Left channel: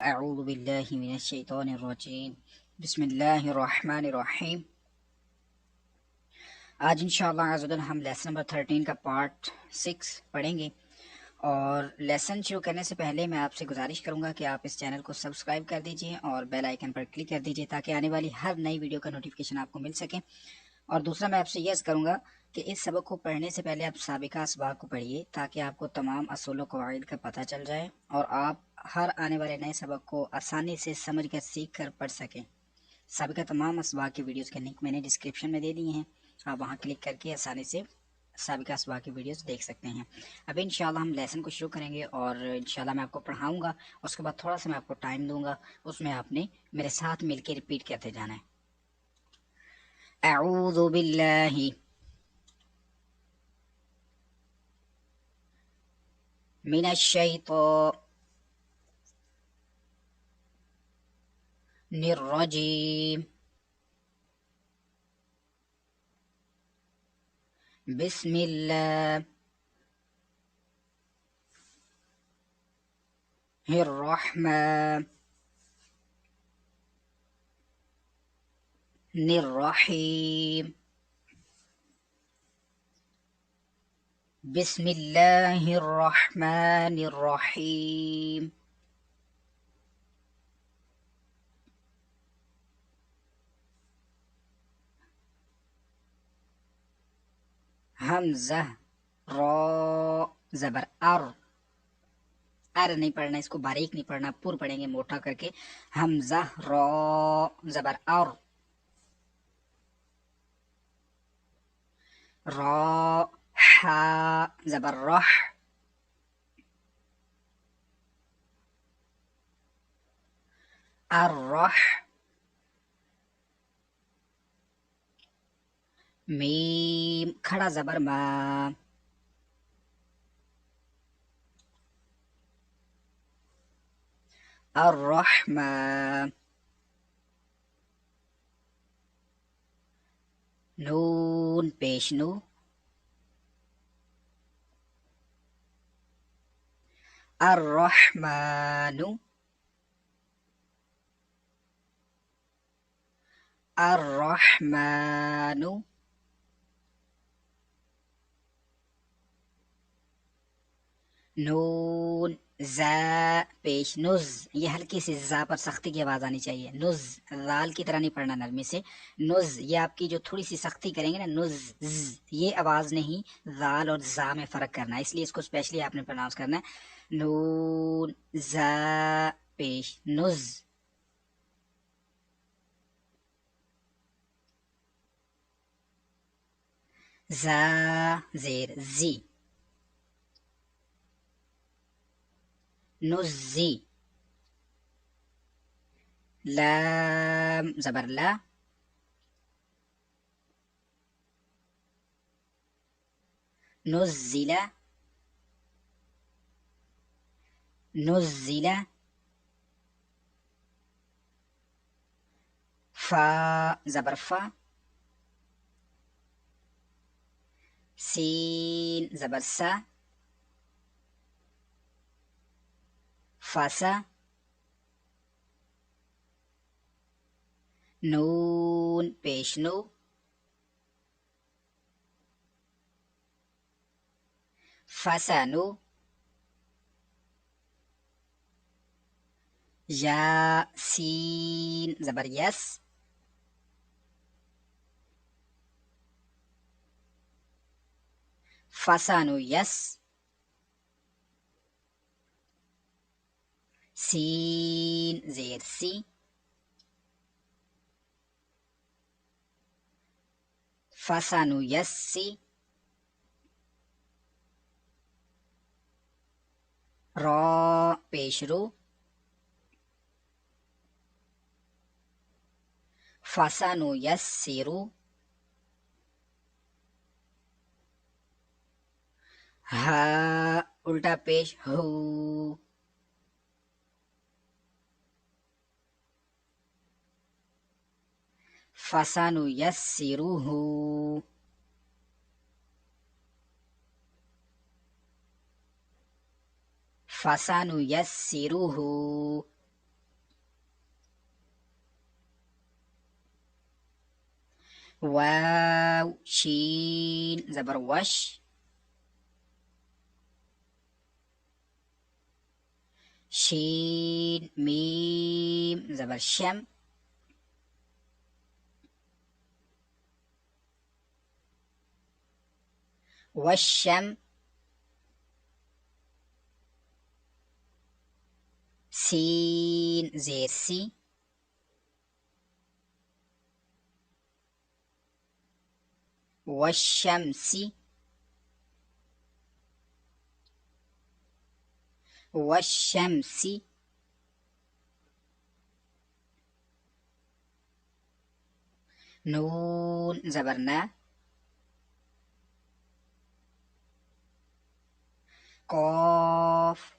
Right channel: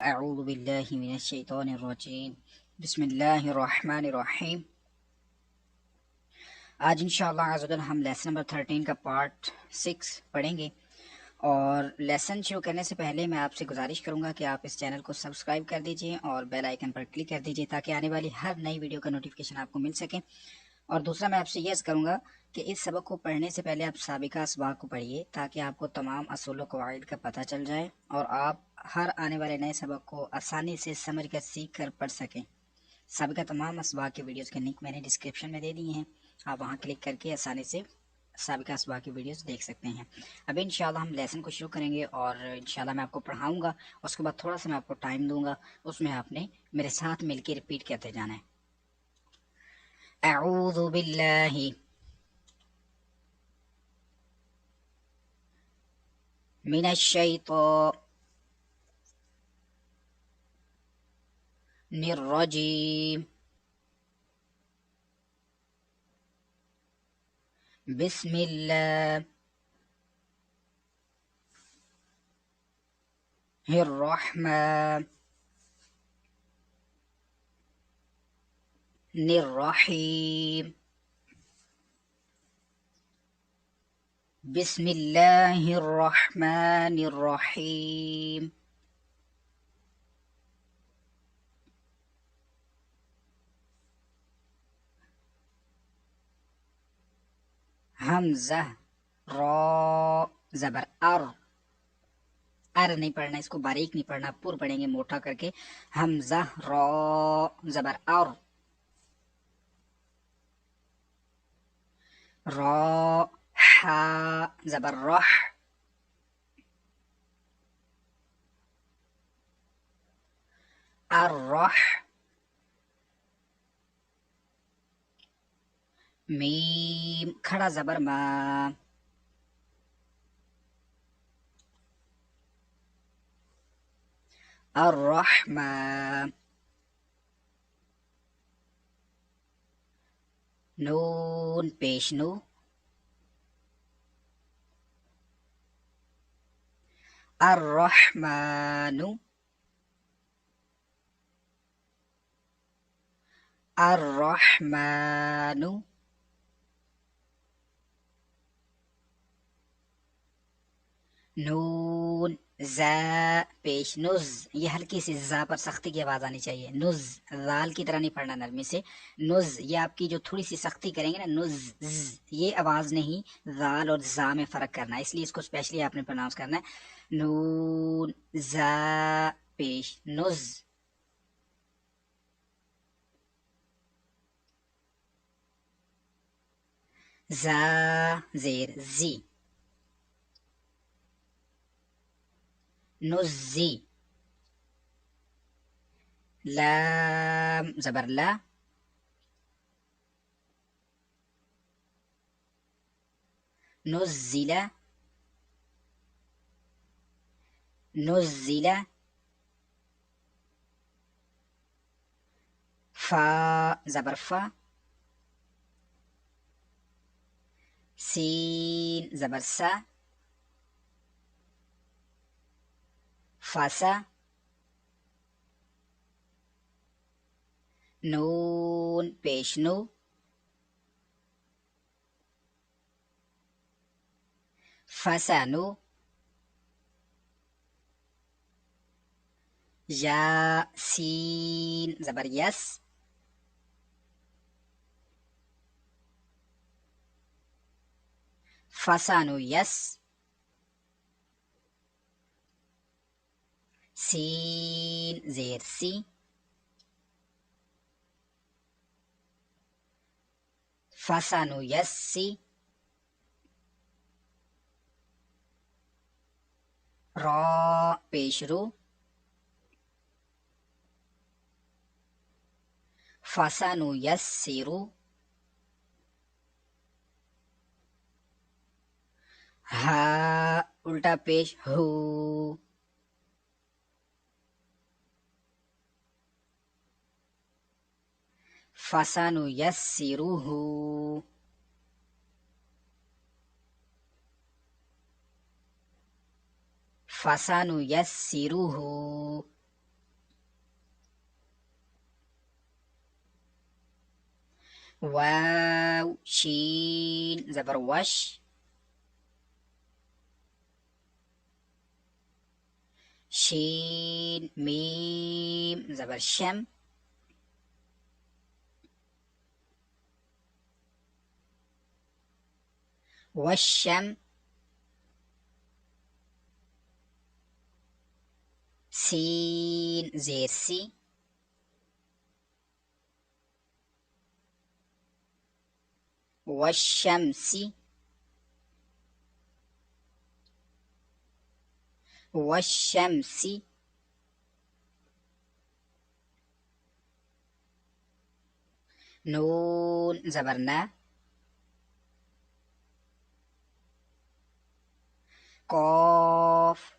اعوذ باللہ من الشیطان الرجیم بسم اللہ الرحمن الرحیم۔ آج انشاءاللہ عزوجل ہم لیسن نمبر 13 کا پارٹ 6 پڑھیں گے، اور لیسن شروع کرنے سے پہلے میں آپ سے گزارش کروں گا کہ آپ اس چینل کو سبسکرائب کر دیجئے اور بیل آئیکن پر کلک کر دیجئے تاکہ آنے والی ہر نئی ویڈیو کا نوٹیفیکیشن آپ کو مل سکے۔ اور دوسرا میں آپ سے یہ کروں گا کہ اس سبق کو پڑھنے سے پہلے آپ سابقہ اسباق کو پڑھیے تاکہ آپ کو تمام اصول و قواعد کا پتہ چل جائے اور آپ ہر آنے والے نئے سبق کو آسانی سے سمجھ کر سیکھ کر پڑھ سکیں۔ سابقہ تمام اسباق کی ویڈیوز کے لنک میں نے ڈسکرپشن میں دے دی ہیں، آپ وہاں کلک کر کے آسانی سے سابقہ اسباق کی ویڈیوز دیکھ سکتے ہیں۔ اب انشاءاللہ ہم لیسن کو شروع کریں گے اور انشاءاللہ میں آپ کو پڑھاؤں گا، اس کے بعد تھوڑا سا میں آپ کو ٹائم دوں گا، اس میں آپ نے میرے ساتھ مل کے ریپیٹ کرتے جانا ہے۔ اعوذ باللہ من الشیطان الرجیم بسم اللہ الرحمن الرحیم بسم اللہ الرحمن الرحیم۔ حمزہ را زبر ار نہیں پڑھنا، اس کو باریک نہیں پڑھنا، پور پڑھیں گے موٹا کر کے۔ حمزہ را زبر را حا زبر رح الرح میم کھڑا زبر ما الرحمن نون پیش نو الرحمن الرحمن نون زا پیش نز، یہ ہلکی سی زا پر سختی کی آواز آنی چاہیے، نز لال کی طرح نہیں پڑھنا نرمی سے، نز یہ آپ کی جو تھوڑی سی سختی کریں گے نا، نز یہ آواز نہیں، لال اور زا میں فرق کرنا ہے، اس لیے اس کو اسپیشلی آپ نے پروناؤنس کرنا ہے۔ نون زا پیش نز زا زیر زی نزی لام زبر لا نزل نزل فا زبر فا سین زبر سا فاسا نون پیش نو فسانو یا سین زبر یس فسانو یس سین زیر سی فسانو یس سی را پیش رو فسانو یس سیرو ہا الٹا پیش ہو فسانو یس سیرو ہو فسانو یس سیرو ہو واو شين زبر وش. شين ميم زبر شم. والشم. سين زير سي. والشمس. والشمس. نون زبرنا. قاف.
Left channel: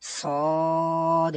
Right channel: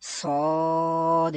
صاد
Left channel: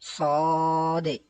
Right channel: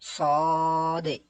صاد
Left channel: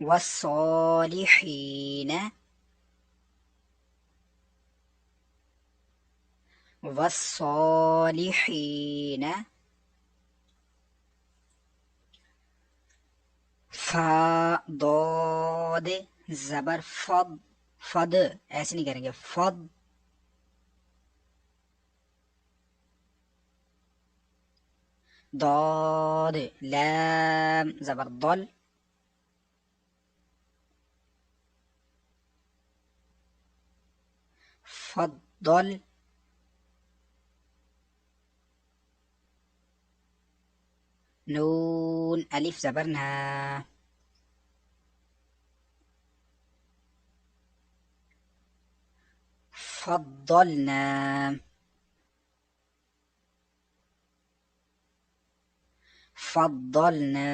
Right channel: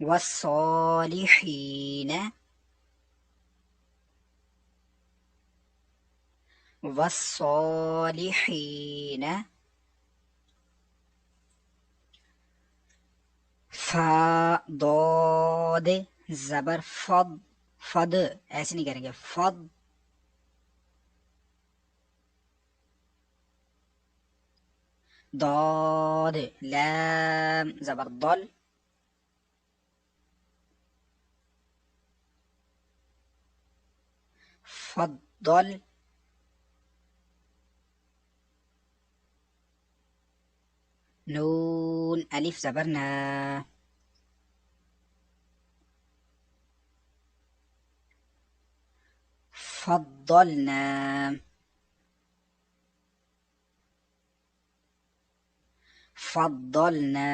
والصالحين. والصالحين. فا ضاد زبر فض. فض ایسے نہیں کریں گے، فض. ضاد لام زبر ضل. فضل. نون ألف زبرنا. فضلنا. فضلنا.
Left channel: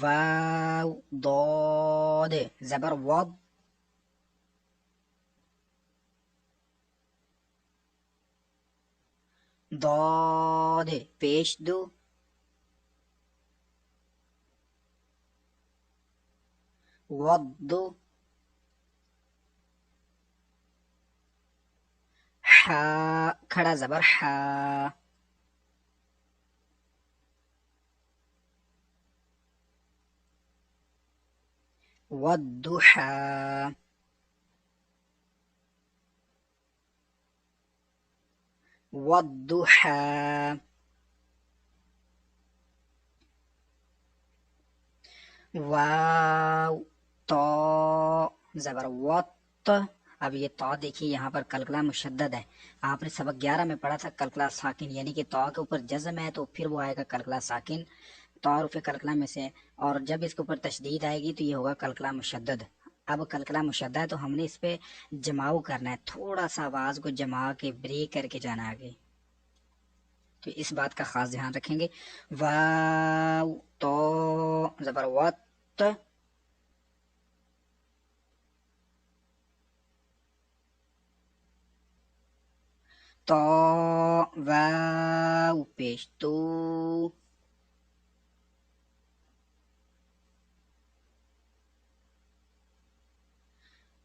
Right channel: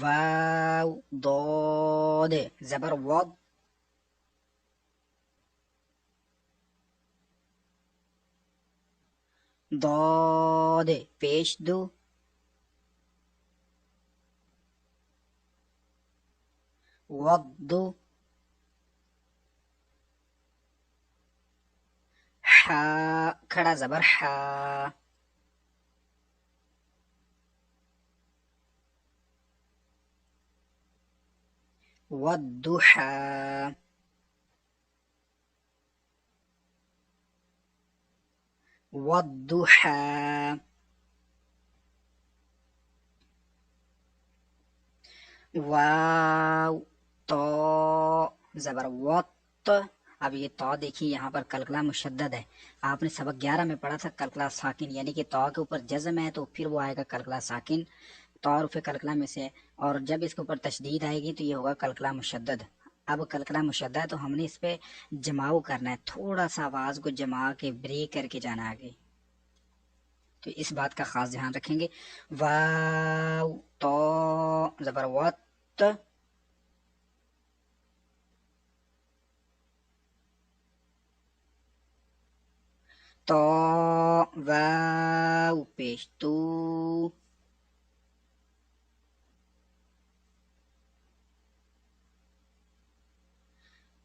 واو ضاد زبر وض. ضاد پیش دو. وض. حا کھڑا زبر حا. والضحى. والضحى. واو طا زبر وط. اب یہ طا دیکھیے یہاں پر کلکلا مشدد ہے. آپ نے سبق 11 میں پڑھا تھا کلکلا ساکن، یعنی کہ طا کے اوپر جزم ہے تو پھر وہ آئے گا کلکلا ساکن. طا حرف کلکلا میں سے، اور جب اس کے اوپر تشدید آئے گی تو یہ ہوگا کلکلا مشدد. اب کلکلا مشدد ہے تو ہم نے اس پہ جماؤ کرنا ہے، تھوڑا سا آواز کو جما کے بریک کر کے جانا آگے. تو اس بات کا خاص دھیان رکھیں گے. واو تو زبر وت، تو واو پیش تو،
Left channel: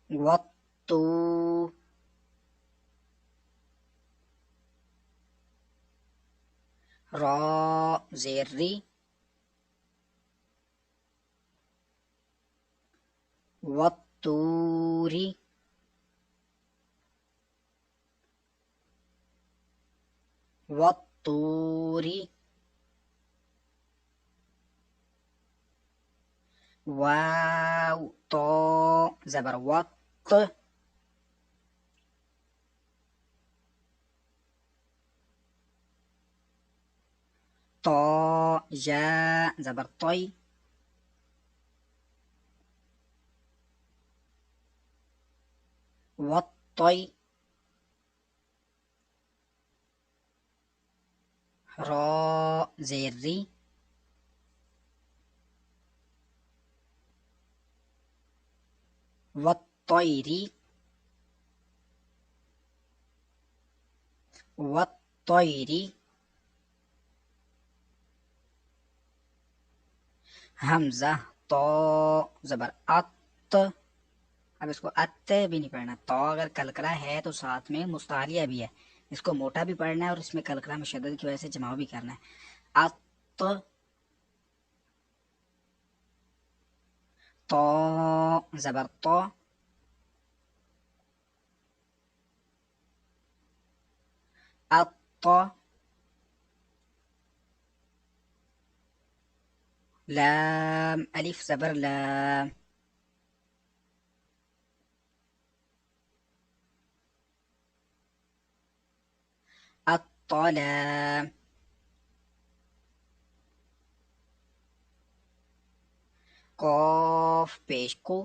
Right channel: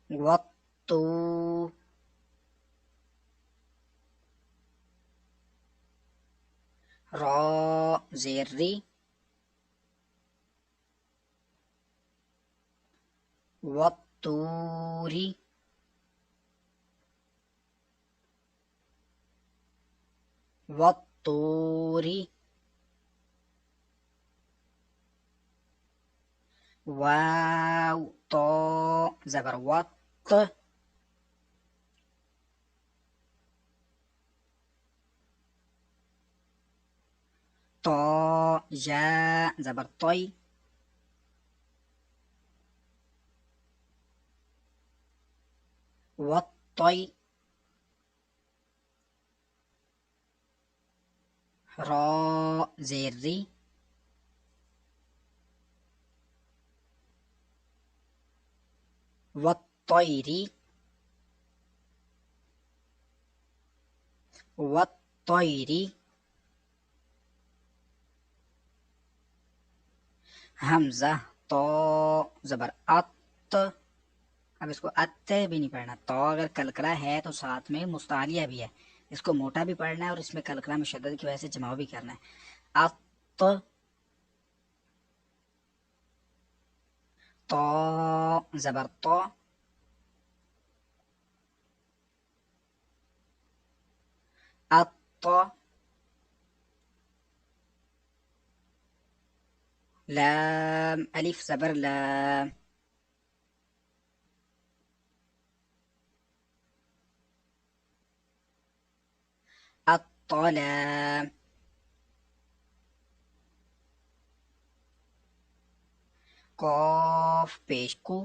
وتو، را زیر ری، والطوری، والطوری، واو تو زبر وط، تو یا زبر طی، والطی، را زیر ری، والطیری، والطیری، حمزہ تو زبر ات. اب اس کو ات بھی نہیں پڑھنا، تو اگر کلکلا ہے تو ساتھ میں مستعلیہ بھی ہے، اس کو موٹا بھی پڑھنا ہے اور اس میں کلکلا میں شدت کی وجہ سے جماؤ بھی کرنا ہے. ات، تو زبر تو، ات، لام الف زبر لام، الطلام، قاف پیش کو،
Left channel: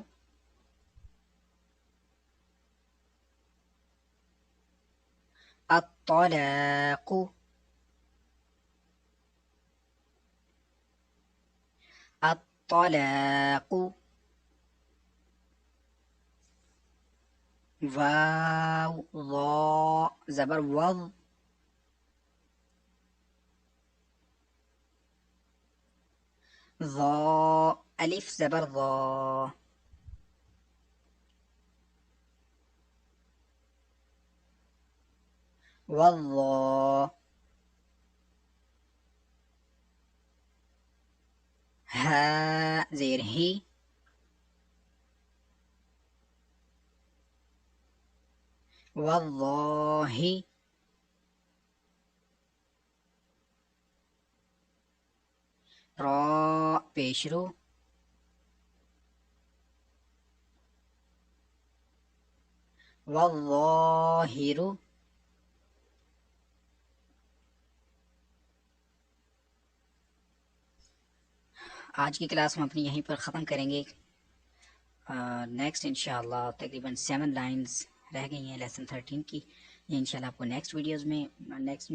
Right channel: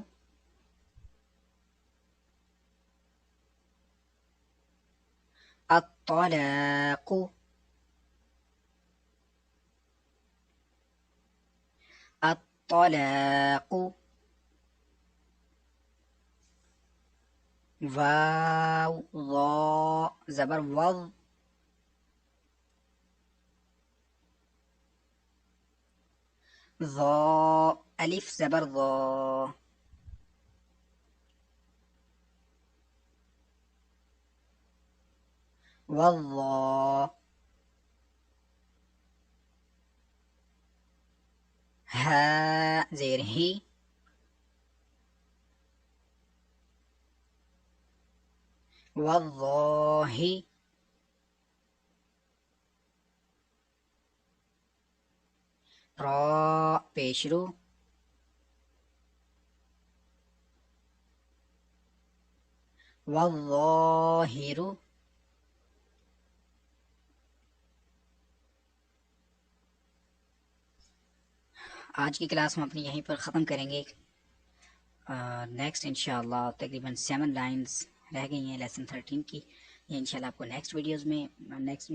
الطلاق، الطلاق، واو ضا زبر وض، ضا الف زبر ضا، والضا، ها زیر ہی، والله، را پیش رو، والظاہر. آج کی کلاس ہم اپنی یہیں پر ختم کریں گے. نیکسٹ انشاءاللہ تقریباً 7 لائنز رہ گئی ہیں لیسن 13 کی. یہ انشاءاللہ آپ کو نیکسٹ ویڈیوز میں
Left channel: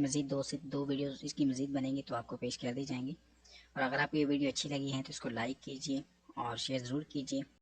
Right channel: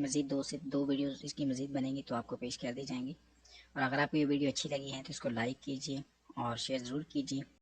مزید دو ویڈیوز اس کی مزید بنیں گی تو آپ کو پیش کر دی جائیں گی. اور اگر آپ کو یہ ویڈیو اچھی لگی ہے تو اس کو لائک کیجیے اور شیئر ضرور کیجیے.